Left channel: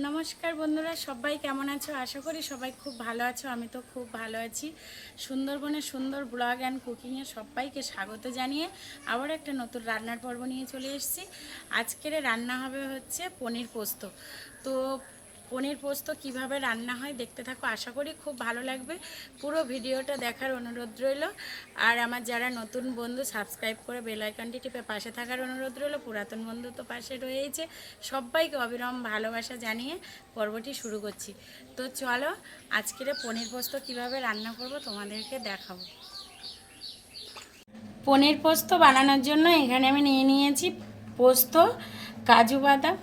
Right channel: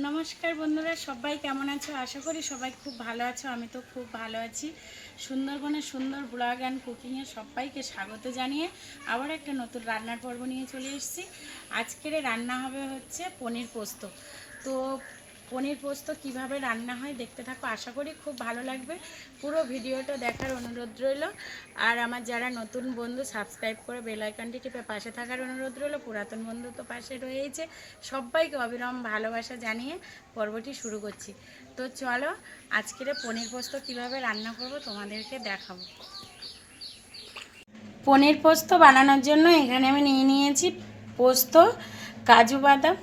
নমস্কার বন্ধুরা, সবাই কেমন আছো? আশা করি সবাই খুব ভালো আছো, আমি তো খুব ভালো আছি। সুন্দরবনের সুন্দর ব্লগ অ্যান্ড কুকিংয়ে সবাইকে স্বাগত জানিয়ে আবার একটা নতুন রান্নার পর্ব নিয়ে চলে এসেছি। আজকের রান্না হবে হচ্ছে পনির পোস্ত। তো পনির পোস্ত কীভাবে রান্না হয় দেখতে থাকো। আশা করি খুব ভালো লাগবে। পুরো ভিডিওটা দেখার অনুরোধ রইল। আর আমার যারা নতুন বন্ধু সাবস্ক্রাইব করে বেল আইকনটি টিপে পাশে থাকার অনুরোধ রইল। পুরাতন বন্ধু তো পাশে রয়েছে সবাইকে অবিরাম ভালোবাসা জানিয়ে পর্বটি শুরু করছি। তো চলো, আজকের পনির পোস্ত কীভাবে রান্না করব তোমাদেরকে দেখাবো। পনির পোস্ত বানানোর জন্য এখানে আমি নিয়ে নিয়েছি পোস্ত, কাজু বাদাম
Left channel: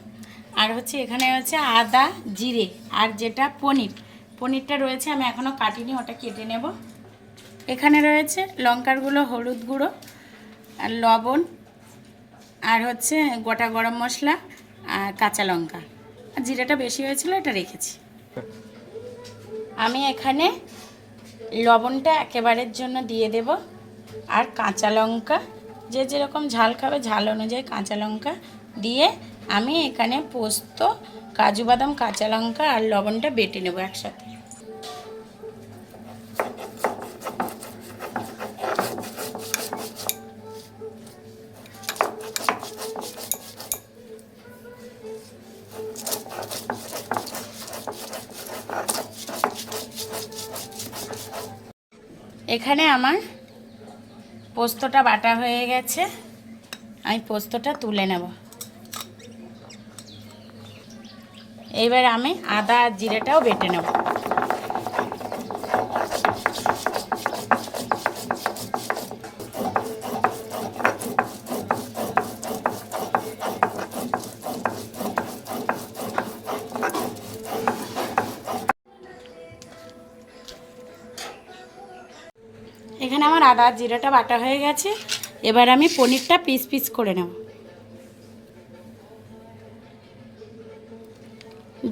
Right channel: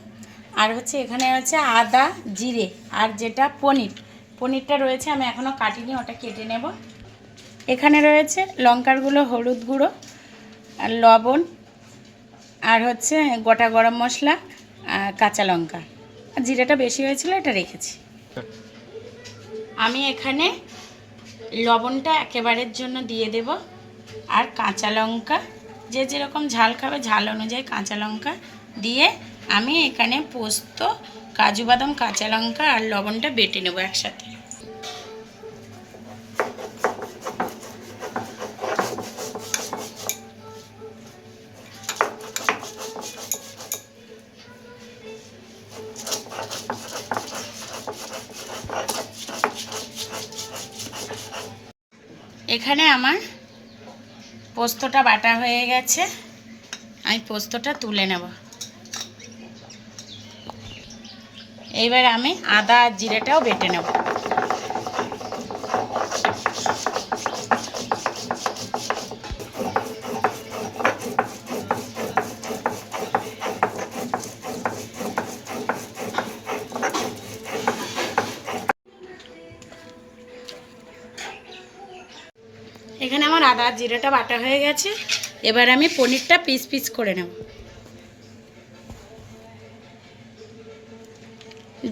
আর হচ্ছে এখানে আছে আদা, জিরে আর যেটা পনির। পনিরটা রয়েছে, আমি এখনও কাটিনি, ওটা কেটে নেব। এখানে রয়েছে লঙ্কার গুঁড়ো, হলুদ গুঁড়ো, আর লবণ, আর হচ্ছে গোটা গরম মশলা কাঁচা লঙ্কা। আর জিরাটা বেশি হয়েছিল, এটা রেখেছি। আমি এখানে লবণটা একেবারের জন্য দিয়ে দেব, আর কাঁচা লঙ্কা। যে যেরকম ঝাল খাবে, ঝাল অনুযায়ী কাঁচা লঙ্কা দিয়ে আমি এখানে পোস্ত, কাজু বাদাম, কাঁচা লঙ্কা আর লবণটা বেটে নেব একসাথে। এখানে আমার পোস্তটা বাটা হয়ে গেছে। আমি পোস্তটা তুলে নেব। এইবার আমি আদা আর জিরেটাও বেটে নেব। এখানে আমার আদা জিরাটা বাটা হয়ে গেছে। এবার আমি পনিরটা পিস পিস করে নেব।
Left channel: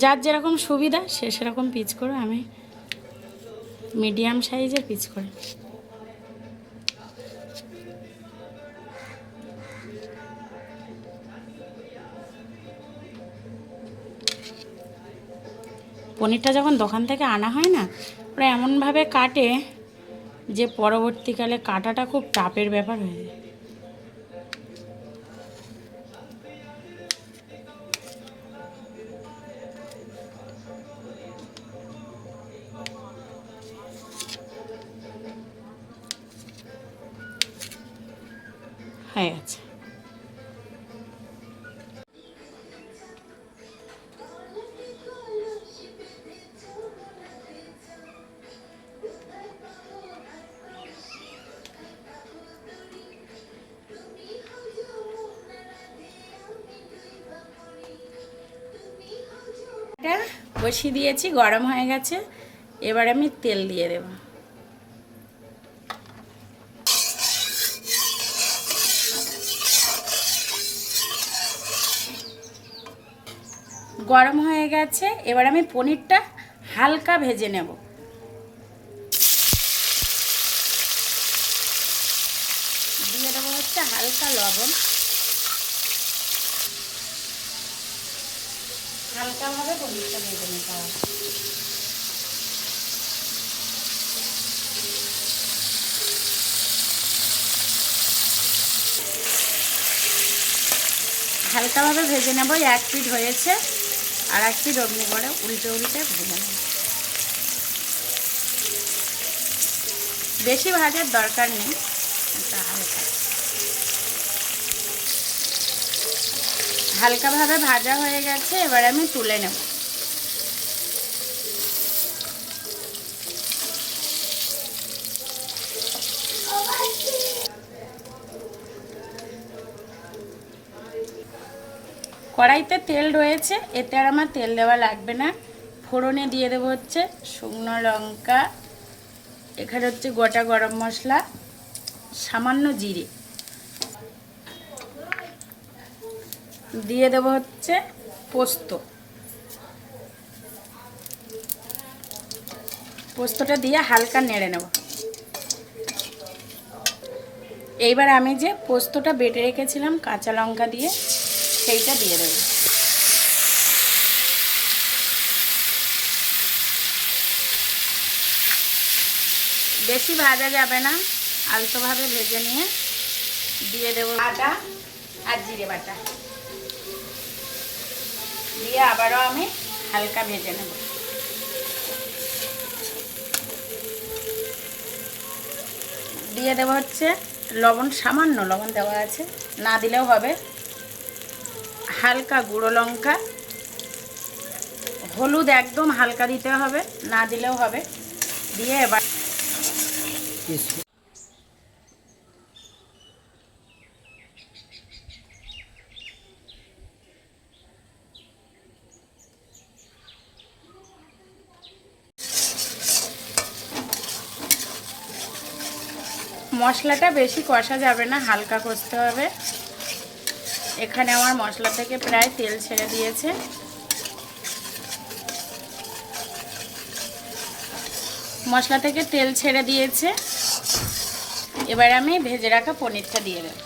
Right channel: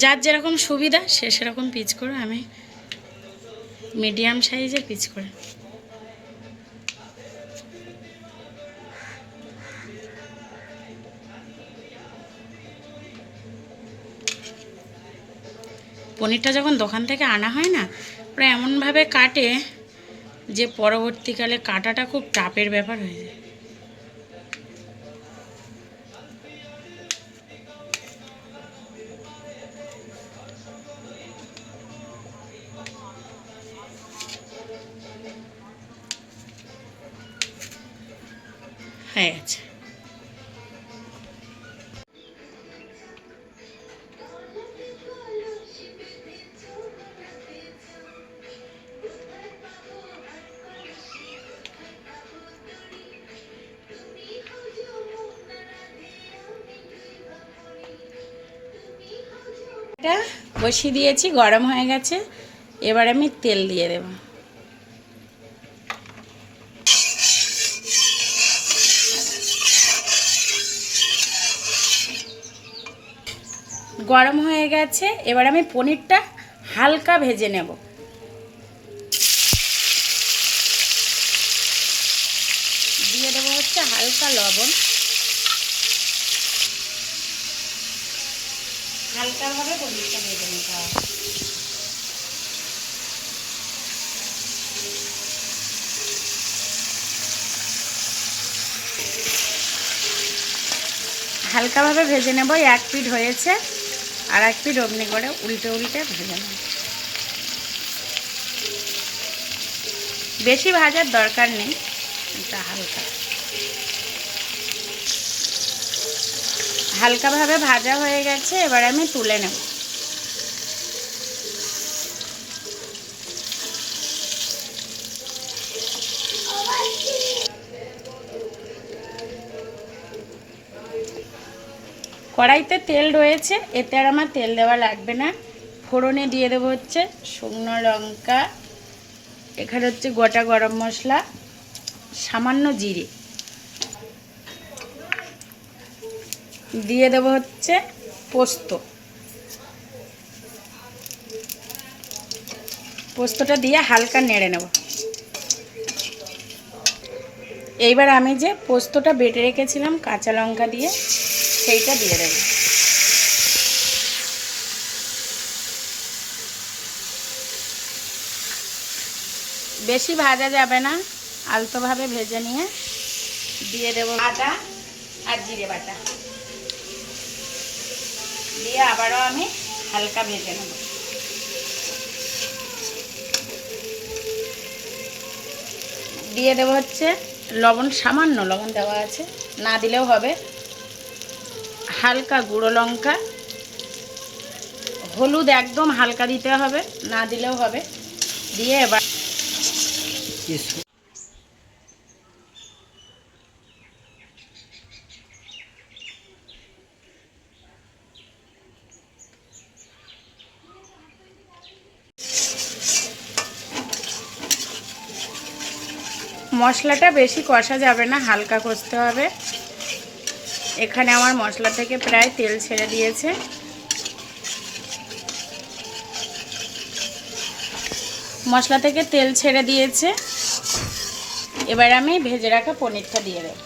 যার যেরকম সুবিধা, সে সেরকম পিচ করে আমি মিডিয়াম সাইজের পিচ করে। পনিরটা যখন দোকান থেকে আনা হয় না ওরা এমনভাবে কাটে যে পরবর্তীকালে কাটাটা খুব টাপের ব্যাপার হয়ে যায়। হয়ে গেছে বসিয়ে দিয়েছি গরম হয়ে গেছে। এবার আমি তেল দিয়ে দেব। গরম হয়ে গেছে, এবার আমি পনিরটা হালকা ভেজে নেব। দিয়ে দেবো হচ্ছে হালকা লবণ। হালকাভাবে পনিরটা ভেজে নিতে হবে। হালকাভাবে ভেজে নেব, এক পিঠ হয়েছে। আর এক পিঠ অগ্নি করে উল্টে উল্টে ভেজে বেশি ভাজার দরকার নেই, এটা হালকা। হালকাভাবে ভাজা হয়ে গেছে, এবার আমি তুলে নেব। কড়াইতে তেল রয়েছে, এতে আর আমার তেল দেওয়া লাগবে না। ফোড়নে দিয়ে দেবো হচ্ছে শুকনো লঙ্কা, এখানে হচ্ছে গোটা গরম মশলা, সামান্য জিরে। দিয়ে দেবো হচ্ছে পোস্ত। পোস্তটা দিয়ে হালকা নেড়ে নেব। এইবার আমি যে পোস্তটা বেটে রেখেছিলাম কাঁচা লঙ্কা দিয়ে সেইটা দিয়ে দেবো। বেশি ভাজা যাবে না, আলতোভাবে ভেজে নিয়ে দিয়ে দেবো আটা আর জিরে বাটা। দিয়ে আবারও আমি হালকা ভেজে নেব। দিয়ে দেবো হচ্ছে লবণ, সামান্য লবণ দেওয়া আছে। না দিলেও হবে। হালকা গুঁড়ো লঙ্কা। হলুদ একদম হালকা দিতে হবে, না দিলেও হবে। দিয়ে এবার মশলাটা বেশি কষা যাবে না, হালকা কষতে হবে। এখানে আমার মশলা থেকে প্রায় তেল ছেড়ে দিয়েছে। মশলা থেকে তেল ছেড়ে দিয়েছে। এবার আমি ভেজে রাখা পনিরটা দিয়ে দেব।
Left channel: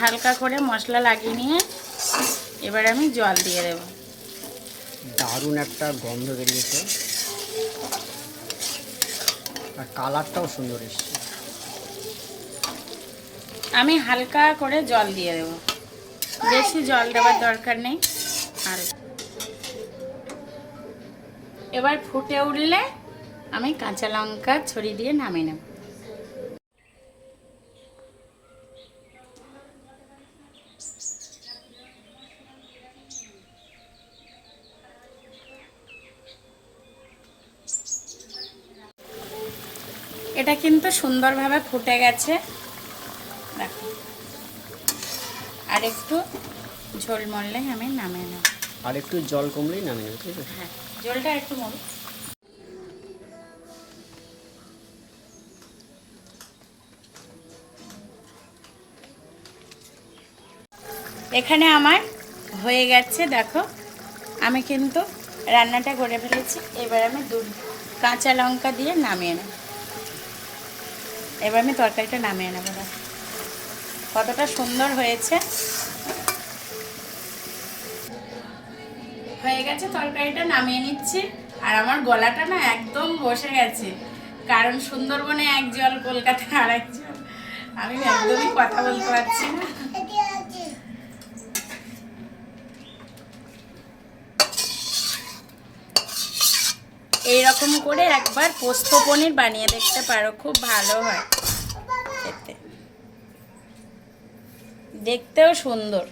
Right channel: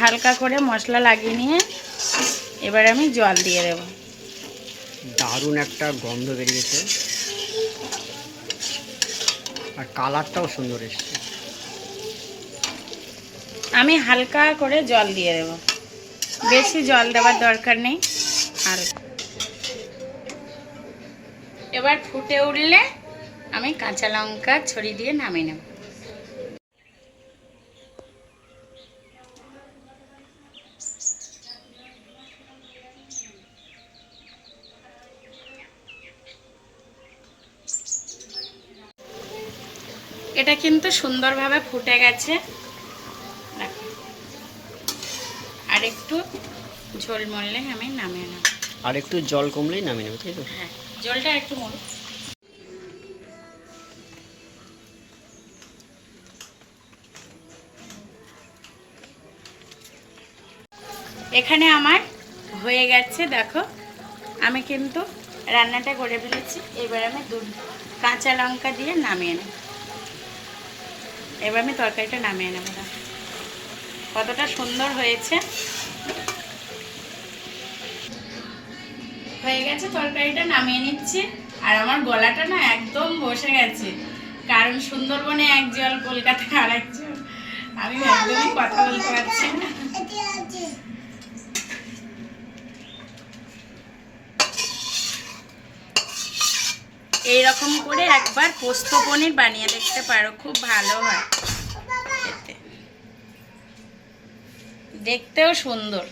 হালকা করে মশলা লাগিয়ে নিয়ে এবার আমি জল দিয়ে দেব। দারুণ একটা গন্ধ বেরিয়েছে। আর কালারটাও সুন্দর এসছে। আমি হালকা করে জল দিয়ে দেব। বেশি জল দেওয়ার দরকার নেই। আর এবার ফুটে উঠলে আমি কাঁচা লঙ্কা ছড়িয়ে দিয়ে নামিয়ে নেব। এটা কিন্তু সুন্দরভাবে ফুটে গেছে। আর একটু ঝোল মরলে আমি নামিয়ে নেব। আর একটু জল কমলেই নামিয়ে নেবে তাই তো হ্যাঁ জলটা একটু মরু এখানে আমার হয়ে গেছে দেখো। আমি কিন্তু রান্নাটা করে ফেলেছি এবার আমি দুধ কাঁচা লঙ্কা দিয়ে নামিয়ে নেব। এবার আমি তরকারিটা নামিয়ে নেব দেখো। কতটা সুন্দর হয়েছে। হয়ে গেছে তরকারিটা, নামিয়ে নিচ্ছি। আর আমার গলাটা না একদম বসে গেছে। কারণ সুন্দরবনে এক জল কলকাতা আর এক জল। আমি একদমই কথা বলতে পারছি না। এইরকম করে একবার পোস্ত পনির বানিয়ে দেখতে পারো, খুব ভালো হয়। দেখতেও সুন্দর।